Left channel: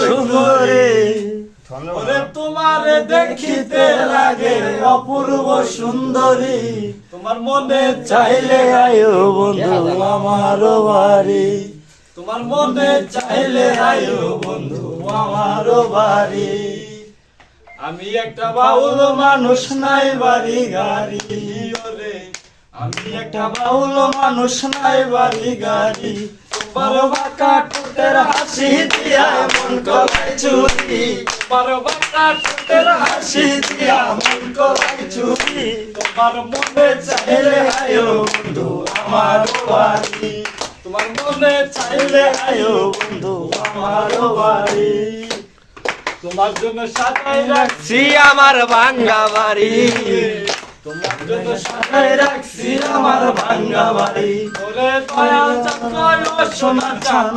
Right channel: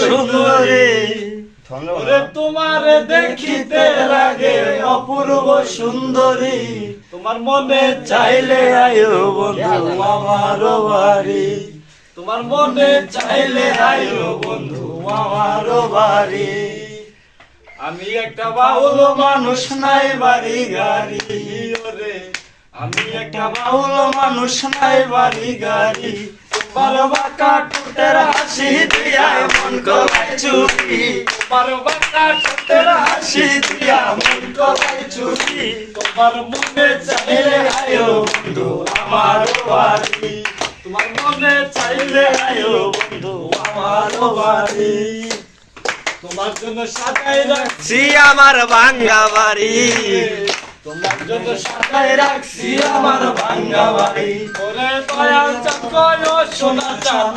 সুন্দরী ওরে তোমার দেখিতে লাগে অপূর্ব সুন্দরী তোমার মনে চাইলে আয়ো বন্ধু আমার বাড়ি তোমার মনে চাইলে আয়ো বন্ধু আমার বাড়ি আমি একটা বাউল মানুষ নাই বাড়ি গাড়ি ওরে আমি একটা বাউল মানুষ নাই বাড়ি গাড়ি তোমার বাঁকা ঠোঁটের হাসি দিয়া মন করাই চুরি তোমার বাঁকা ঠোঁটের হাসি দিয়া মন করাই চুরি তোমার মনে চাইলে আয়ো বন্ধু আমার বাড়ি তোমার মনে চাইলে আয়ো বন্ধু আমার বাড়ি তোমার জন্য সাজাই রাখছি আমার ভাঙ্গা বাড়ি তোমার জন্য সাজাই রাখছি আমার ভাঙ্গা বাড়ি ওরে দয়াল চক্র সোনা চাঁদ